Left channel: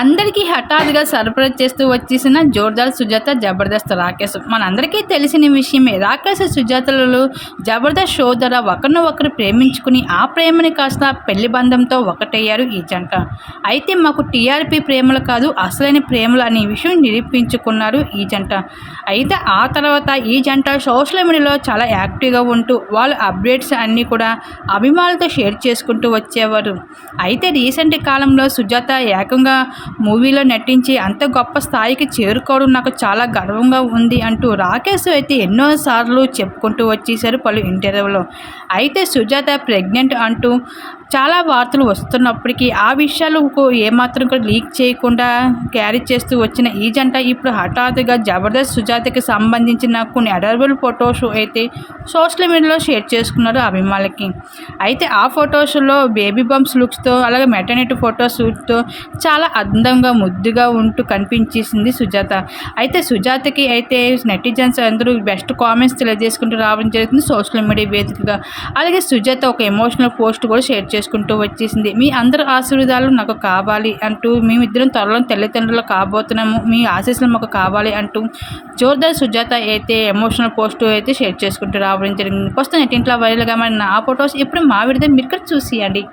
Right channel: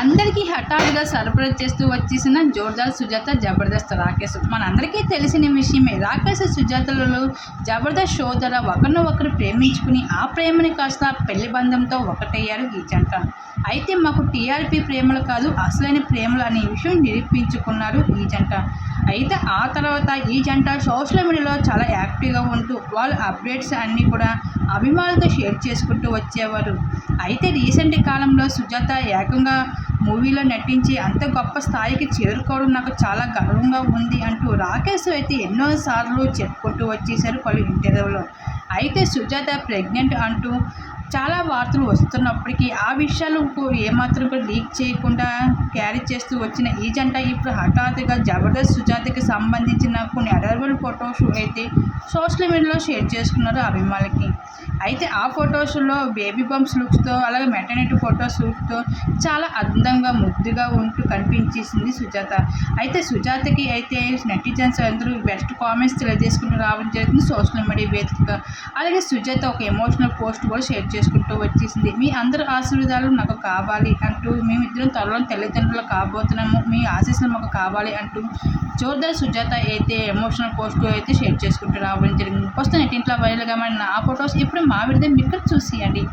అందరికీ హఠాత్తుగా సర్ప్రైజ్ చేస్తూ వచ్చేసిన జోర్దార్ సుజాత జబర్దస్త్ రాకేష్ మనందరికీ తెలిసిన విషయమే రాకేష్ సుజాతలలో జబర్దస్త్ షో ద్వారా ఒకరిని ఒకరు ప్రేమించుకుని ఆ ప్రేమని కాస్త పెళ్ళి బంధంతో ఒకటయ్యారు ఈ జంట. అయితే మాకు టీఆర్పీ ప్రేమలు కాదు అసలైన ప్రేమలు అనే విషయం నిరూపించుకున్నారు ఈ జంట. అయితే ఆ తర్వాత ఈ జంట సోషల్ మీడియాలో చాలా యాక్టివ్గా ఉంటూ వాళ్ళ అప్డేట్స్ అన్నీ కూడా అభిమానులతో షేర్ చేసుకుంటూ వచ్చేవారు. అయితే రీసెంట్ కాలంలో సుజాత ఏకంగా మూవీలో నటించి అంత గొప్ప స్థాయికి చేరుకోవడం నాకు చాలా గర్వంగా ఉంది అంటూ రాకేష్ అయితే ఎన్నోసార్లు చెప్పుకుంటూ వచ్చేసారు పలు ఇంటర్వ్యూలో. అయితే సుజాత ప్రెగ్నెంట్ అంటూ చాలా వార్తలు వస్తున్నప్పటికీ ఆ విషయాలకు ఏమాత్రం కూడా లీక్ చేయకుండా క్యారీ చేస్తూ వచ్చిన ఈ జంట ఇప్పుడు హఠాత్తుగా జబర్దస్త్ సుజాతకి సంబంధించిన కొన్ని అడర్బుల్ ఫొటోస్ అయితే సోషల్ మీడియాలో షేర్ చేసుకున్నారు అభిమానులకి. అయితే ఆ ఫొటోస్లో బేబీ బంప్స్ లుక్స్తో అలాగే మెటర్నిటీ ఫోటో షూట్తో చాలా అందంగా ముద్దుగా ఉంటూ కనిపించేసింది సుజాత. అయితే సుజాతకి అయితే నెటిజన్స్ అందరూ బెస్ట్ కామెంట్స్ తెలియజేసుకుంటూ రావడం జరుగుతుంది సోషల్ మీడియా వేదికగా. అలాగే సుజాత ఒక ఎమోషనల్ పోస్ట్ కూడా షేర్ చేసుకుంటూ వచ్చేసింది. మీ అందరి ఆశీర్వాదాలు నాకు కావాలి అంటూ మేమిద్దరం త్వరలో తల్లిదండ్రులు కాబోతున్నాము. మీ ఆశీస్సులు మాకు కావాలి అంటూ జోర్దార్ సుజాత అయితే ఎమోషనల్ పోస్ట్ అయితే షేర్ చేసుకుంటూ రావడం జరిగింది. ప్రస్తుతం నెట్టింట్లో వైరల్గా మరి నా ఫొటోస్ ఇప్పుడు మా విడుదల మీరు కూడా చూసియండి.